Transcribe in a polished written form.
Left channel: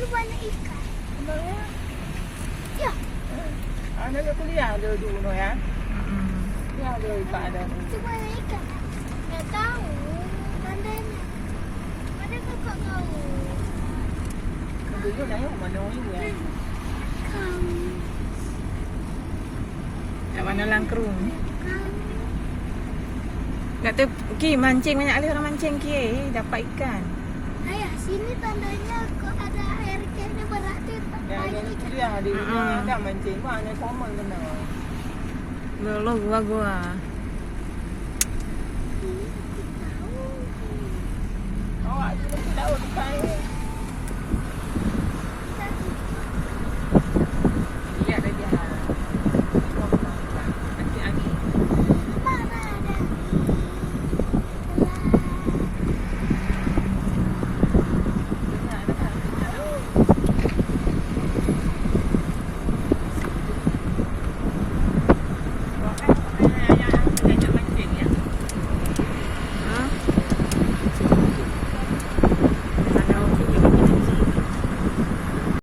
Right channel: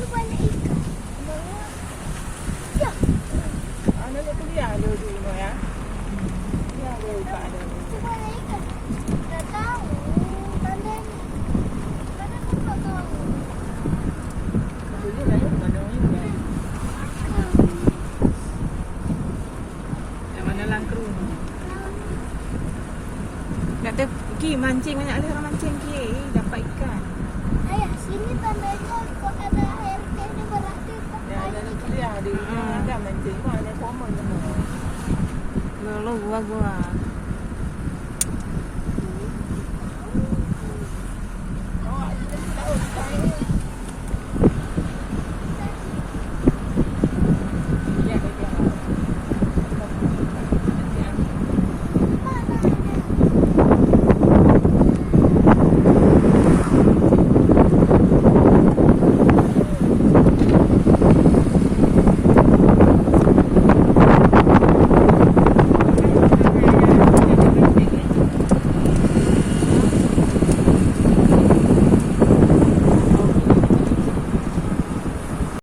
Mana banyak ikan? Banyak. Ya. Anak dia kuliah ada dulu ya. Ni ada ikan ada. Itu banyak ikan. Tak tahu. Tandanya. Ada kakak tahu. Dulu naik mana ni ya? Kat mana Langkerung? Nak pergi mancing banyak kali orang mancing dapat ikan. Ayah, sini tandanya kok ada air ikan dia berarti tak Ya, banyak ada ikan. kuliah di rumah ada mancing pun ada common kena. Lo gua. Awak tu tahu ikan ni.